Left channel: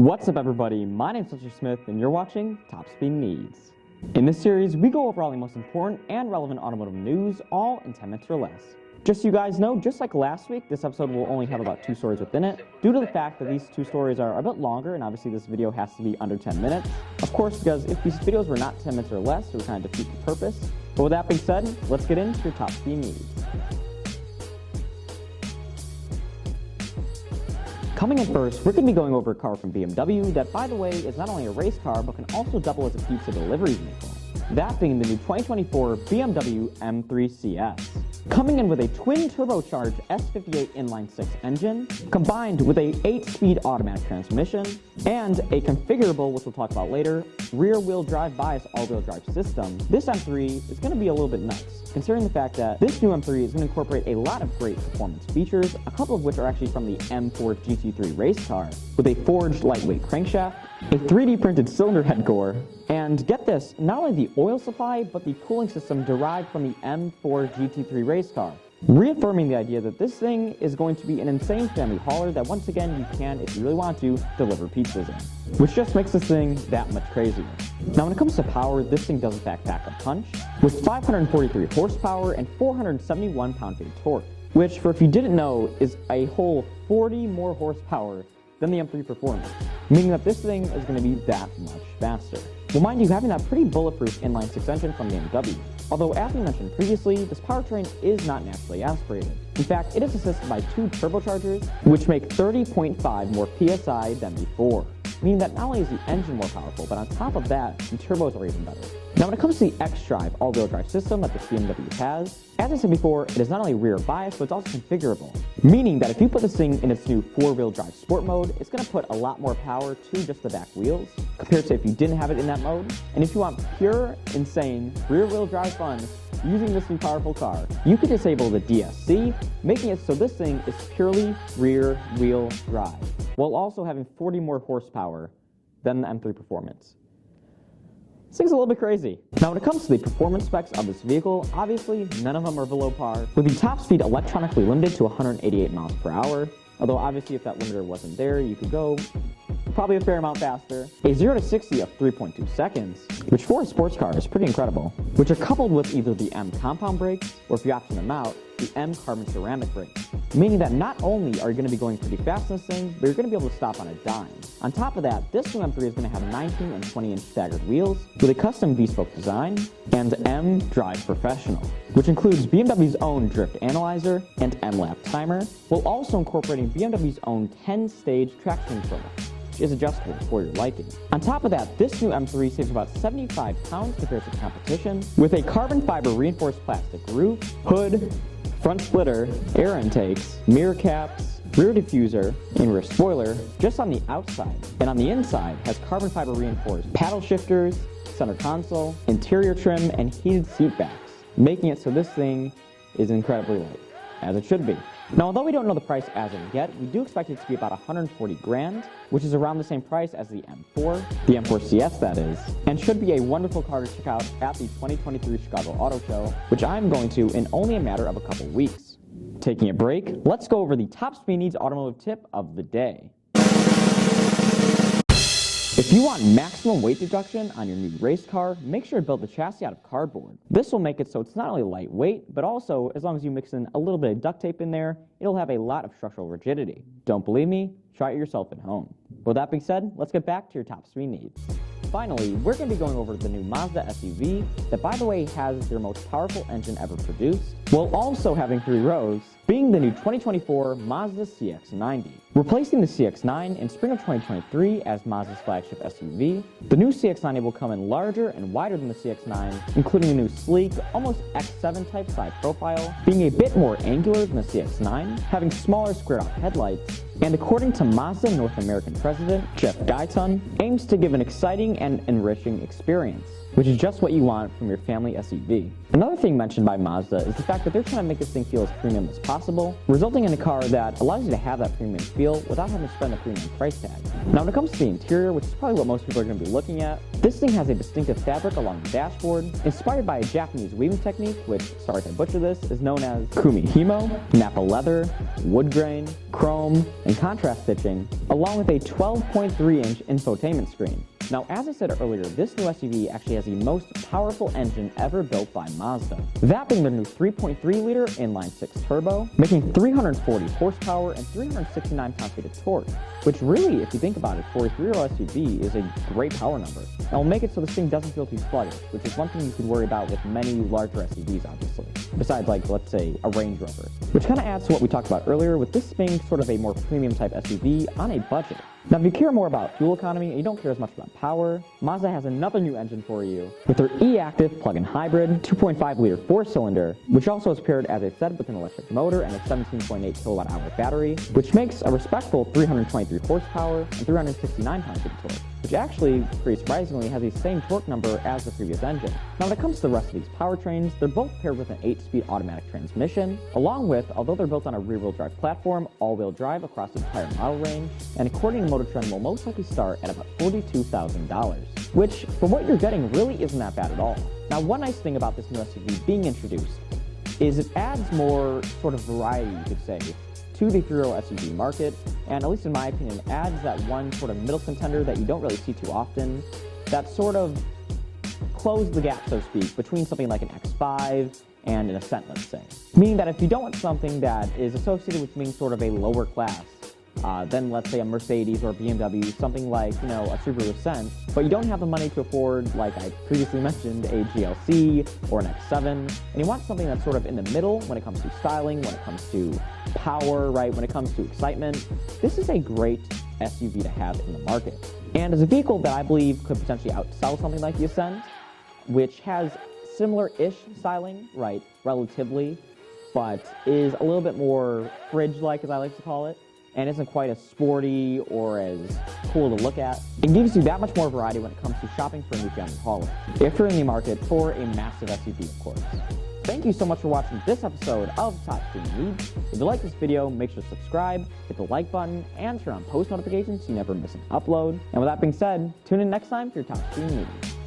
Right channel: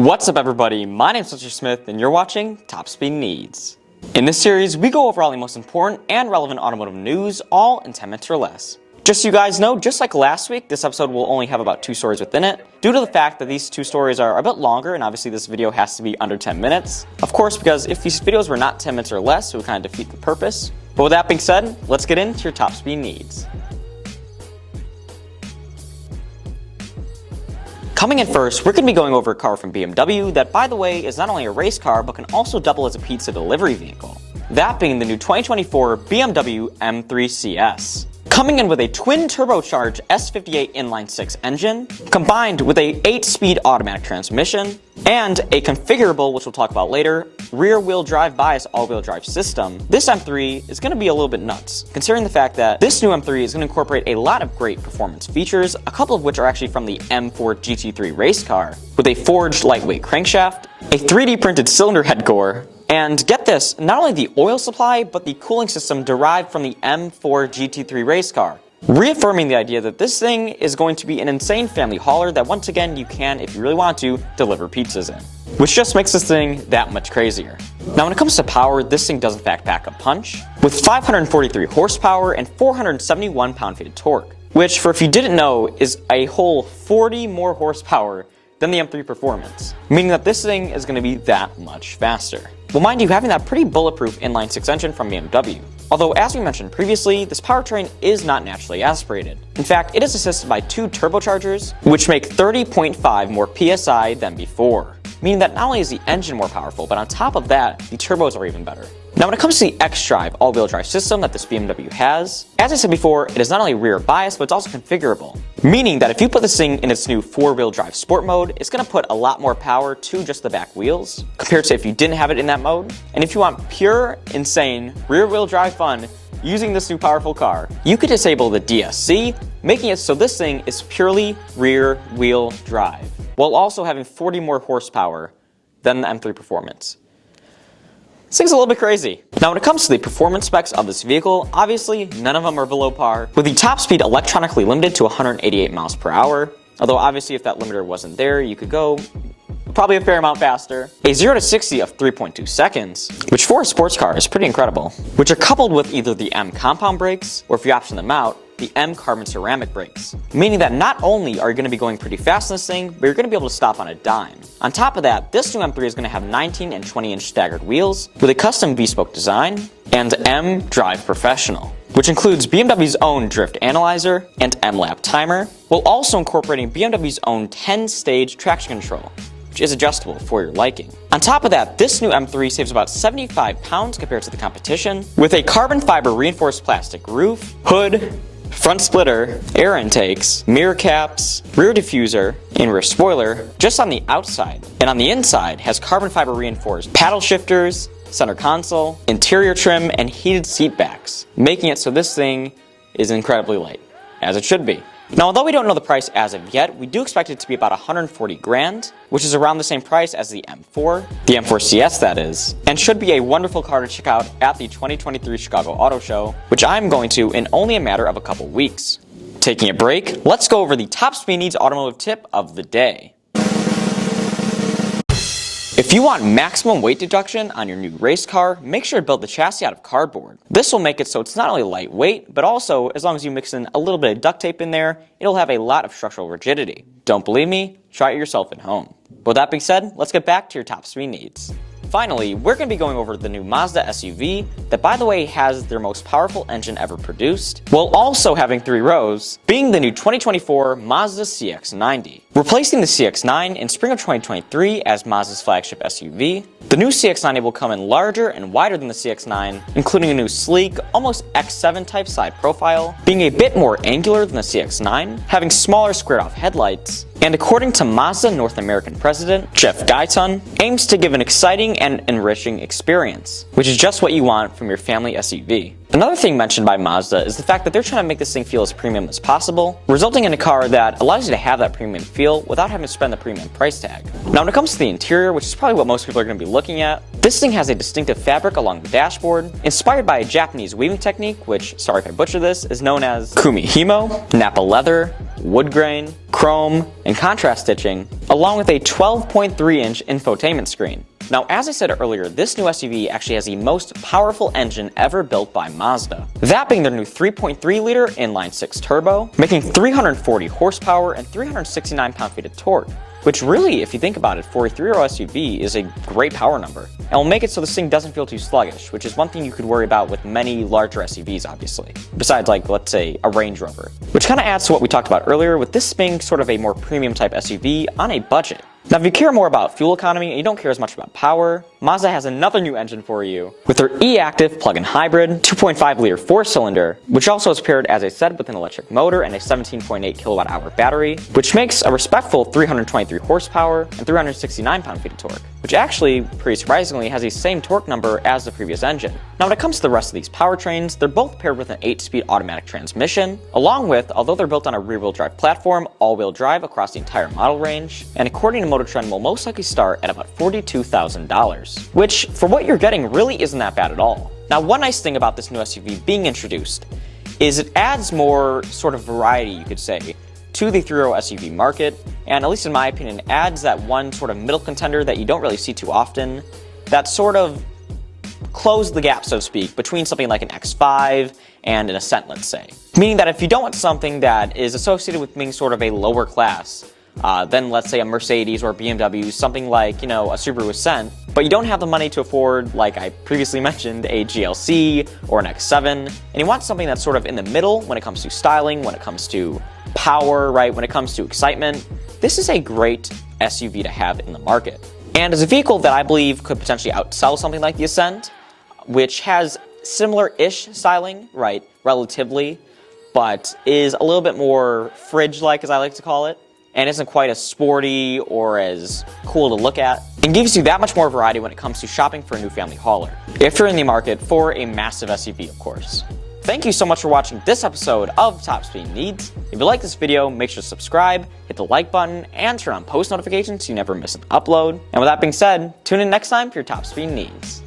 What's up everybody, my name's Mr. Smith and you're watching Top Speed Needs. In this series, we go over all the most important and relevant automotive news, all in 10 minutes or less. Just so you guys know, just like last week, this episode will only have about 2 stories within it, due to the fact that these 2 stories are a bit longer and obviously this video has to be under 10 minutes. Of course, because if these videos were not 10 minutes or less, it would kind of defeat the purpose. But with that being said, let's get into your Top Speed Needs. Coming in first, we're going to be going over a car from BMW that, by the way, is not only a race car, but can also double as a pizza delivery vehicle. That being the new 2024 BMW M3 CS. Coming in with a twin turbocharged S58 inline-6 engine, combined with a 8-speed automatic transmission, and a configurable, which we'll talk about later, rear-wheel drive bias all-wheel drive system, this M3 is going to be a little bit nuts, considering the fact that this new M3 is going to incorporate a lot of great performance features, a couple of which are actually from the M4 GT3 race car, with a forged lightweight crankshaft, a 3D printed cylinder head core, and get this, not only the oil supply, but the cooling system derived from the M4 GT3 race car, reaffirming the idea that this thing is going to be an insane family hauler that once again you can, if you really want to, deliver pizzas in. Which just makes this thing that much crazier. Now when it comes to power, this thing does in fact pack a punch, with 543 horsepower and 471 pound-feet of torque, which for if you didn't know is a whole 40 more horsepower than the M3 Performance, meaning that this thing is going to be that much faster. Well, mind you, having that pretty bulletproof inline-6 engine from BMW. Although, as we mentioned previously, this powertrain is not naturally aspirated. In fact, it is assisted by 2 turbochargers, which make 30.5 more PSI than before. Meaning that not only is the engine more powerful, but on top of that, the turbos are even better. Now when it comes to the xDrive all-wheel drive system that this BMW has, as I said before, it is not only rear biased, but it's also configurable. Meaning that if you put this thing in its new 4-wheel drive sport mode, it's going to put a lot more power to just the back wheels, compared to if you didn't have it in that mode. And if you want pure, insane, rear-wheel drive fun, using this new powerful car, you could disable the DSC, making it so this thing is purely rear-wheel drive, while also having 40 more horsepower than the M3 Performance. This thing's a little bit crazy. Now when it comes to the performance specs of this vehicle, obviously none of them are below par, with the top speed electronically limited to 188 miles per hour, although obviously if that limiter wasn't there, you could go probably a fair amount faster. A 0 to 60 of 3.2 seconds, which for a sports car is pretty incredible, which are coupled with either the M compound brakes, or if you option them out, the M carbon ceramic brakes, meaning that not only are you going to be going pretty fast in this thing, but you're going to be able to stop on a dime. On top of that, this new M3 is going to have 19 and 20 inch staggered wheels with a custom V-spoke design and M Drive Professional, which includes BMW's own drift analyzer and M lap timer, while also incorporating BMW's own 10-stage traction control, which is adjustable for your liking. On top of that, this new M3 saves about 75 pounds compared to the competition, with a carbon fiber reinforced plastic roof, hood, front splitter, air intakes, mirror caps, rear diffuser, and rear spoiler just on the outside. And on the inside has carbon fiber reinforced paddle shifters, center console, interior trim, and heated seat backs, making it so this thing is incredibly light, as it should be. Now, although we don't know the price as of yet, we do expect it to be about 140 grand, which is around the same price as the M4, the M4 CS that is, and should be a wonderful car to check out at the 2023 Chicago Auto Show, which I'm going to in only a matter of a couple weeks. Taking a break, let's go over the Top Speed Needs automotive tip of the day. If you want maximum weight deduction on your new race car, make sure to build the chassis out of cardboard. This will make it so it's not only lightweight, but also, as long as you mix in a little bit of duct tape in there, it'll have a lot of structural rigidity. Don't believe me? Try it yourself at home. With that being said, let's get back to your Top Speed Needs. Finally, we're going to be going over the new Mazda SUV that, by the way, has their most powerful engine ever produced, while also having 3 rows, being the new 2024 Mazda CX-90. Replacing the CX-9 in spring of 2023 as Mazda's flagship SUV, the new CX-90 will come in larger and wider than the CX-9, including a new sleek, almost X7 type side profile, being a bit more angular than the CX-9, having smaller squared-off headlights, and according to Mazda North American President Jeff Guyton, aims to give an exciting and enriching experience, which is just what you want from your family SUV. Another thing mentioned by Mazda is the fact that they're trying to make this thing feel as premium as possible, resulting in a car that allows you to have that premium feel without having to spend the premium price tag. Now when it comes to the interior, which is probably what most people are going to be looking at, this thing has a distinctive fabric along the dashboard, inspired by a Japanese weaving technique, which, sorry if I butcher this, is known as kumihimo, Napa leather, wood grain, chrome, and contrast stitching, along with a 12.3-inch infotainment screen. Now, as I said earlier, this new SUV actually has the most powerful engine ever built by Mazda. That being their new 3.3-liter inline-six turbo, making 340 horsepower and 369 pound-feet of torque, which really, if you think about it, for a 3-row SUV is a great power number, and will make it so this thing doesn't feel too sluggish, which is one thing you could worry about with many larger SUVs, obviously, besides like, let's say, a Range Rover. Which kind of adds to what we talked about earlier, with this being sort of a more premium type SUV on a budget. Now, if you care more about fuel economy and you don't care as much about power, Mazda has another new engine for you with their e-active plug-in hybrid 2.5-liter 4-cylinder, which also is paired, as I said, with an electric motor and a 17.8 kilowatt-hour battery, which makes a respectful 323 horsepower and 369 pound-feet of torque, which actually, pretty surprisingly, has the same torque number as the previous engine. Now, when it comes to the rest of these powertrains, they're both paired with an 8-speed automatic transmission, along with, although they're built on a rear-wheel drive platform, all-wheel drive across the entire model range, and according to Motor Trend will most likely start at about $42,000, which for what you're getting really isn't that bad at all. Now, one nice thing about this new SUV being introduced is it adds more sort of variety, you could say, to the 3-row SUV market, and at least in my opinion, adds that one sort of middle contender that you don't really see too often, that sort of close the gap, so to speak, between something like an X5 and an Ascent, let's say. Meaning that if you don't want something that is associated with being sort of a lower class, than let's say a Mercedes or a BMW, something like, you know, a Subaru Ascent, but you don't have the money to afford, like I previously mentioned, a GLC or an X7, and you want something that's sort of in the middle when it comes to styling, when it comes to power, right, when it comes to excitement, this is a great SUV to have in the market. And as a vehicle that I believe could potentially outsell something like the Ascent, which has similar-ish styling, right, relatively, but is a little bit more fridge-like, as I like to call it, and isn't quite as sporty or as cool to look at, and gives you that much more variety when it comes to shopping for a new family hauler, if you're in the market for a massive SUV, of course. Thank you so much for watching this episode of Top Speed Needs. If you like this video, make sure to subscribe, hit the like button, and turn on post notifications so you never miss an upload. And with that being said, tune in next time for your Top Speed Needs.